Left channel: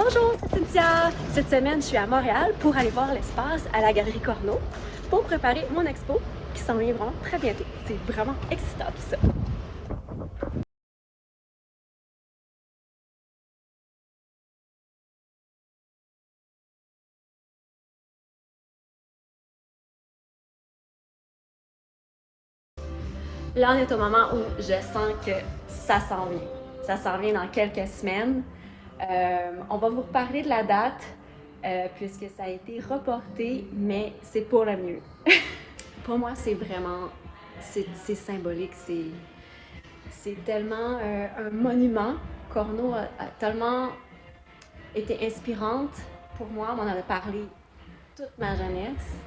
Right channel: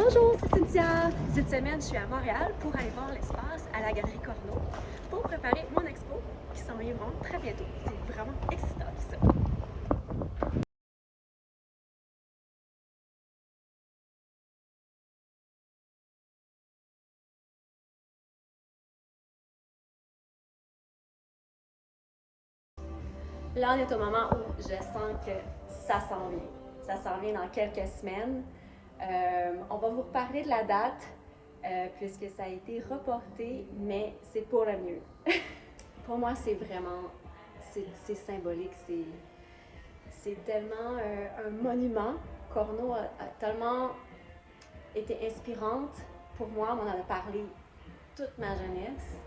Bonjour, c'est Cynthia! Cette semaine, je suis à Montréal pour aller voir l'espace à la Galerie Corneau pour préparer mon expo qui s'en vient vraiment très bientôt. C'est vraiment excitant tout ça! Là, on est au moment où je sens que ça s'en vient. Ça s'en vient dans quelques semaines. On va vous reparler de la date puisque ça a été reporté, mais c'est pour le mieux. Pour moi, c'est vraiment, c'est symbolique, c'est tellement un monument. Corneau a tellement été inspirante pour moi, on en a parlé toute ma jeunesse,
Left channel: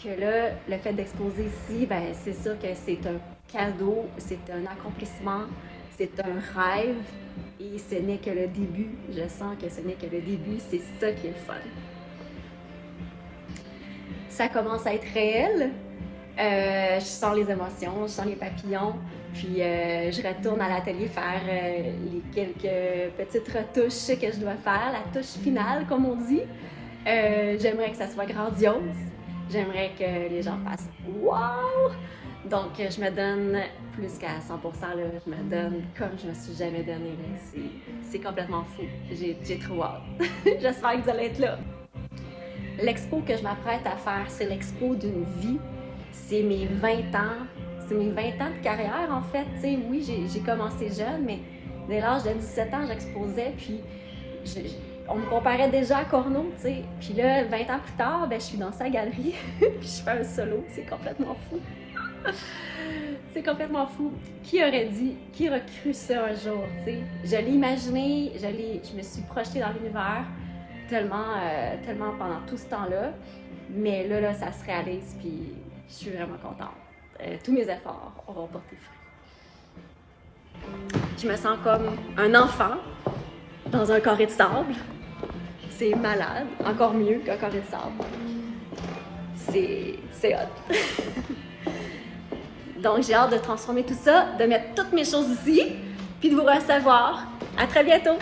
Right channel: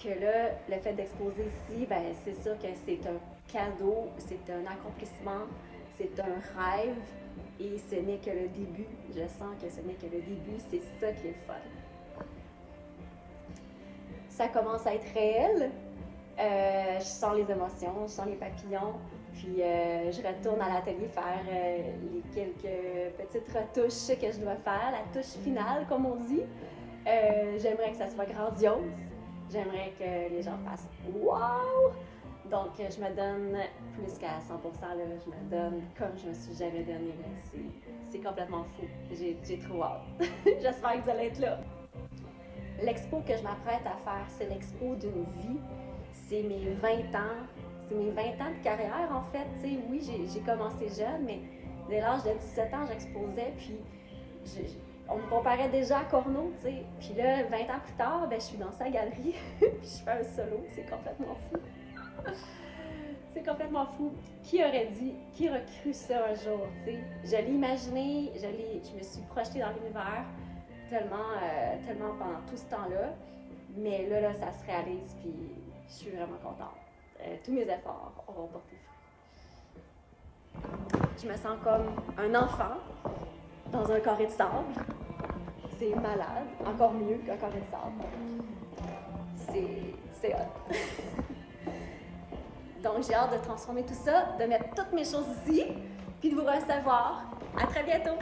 que là, le fait d'exposer ici, ben, c'est sûr que c'est un cadeau, c'est un accomplissement, c'est un rêve et ce n'est que le début. Je sens que ce n'est que le début, c'est ça qui est le fun. Ça commence à être réel. Je sens les émotions, je sens les papillons, puis je retourne à l'atelier faire les quelques petites retouches que je dois faire, la touche finale comme on dit. J'aimerais que ça soit grandiose, j'aimerais que les gens fassent « wow ». Donc je me donne plus qu'à 100%, là, je me donne comme je me suis jamais donnée. C'est complètement fou, j'ai trop hâte. J'espère que vous allez être là. L'expo que je m'apprête à faire, c'est l'expo d'une vie. C'est mes 20 ans. C'est mes 20 ans de carrière, en fait. T'sais, oui, j'ai commencé jeune, mais dès l'âge de 17 ans, j'exposais, puis on me comparait déjà à Corneau, tu sais. Puis là, 20 ans plus tard, ben, je suis dans sa galerie, puis je fais un solo. C'est complètement fou. C'est complètement fou. Qui aurait dit, qui aurait cru ça un jour, tu sais? Je l'ai imaginé, je me suis projetée dans l'univers tellement pendant tout ce temps-là. Mais là, ça se réalise, puis je suis vraiment contente. Tous mes efforts auront porté fruit. Je me sens comme un enfant dans un carré de sable. C'est malade, encore mieux qu'un carré de sable. C'est hot. Donc j'ai hâte de transformer tout ça, de mettre toutes mes choses ici, puis de vous recevoir. À très bientôt!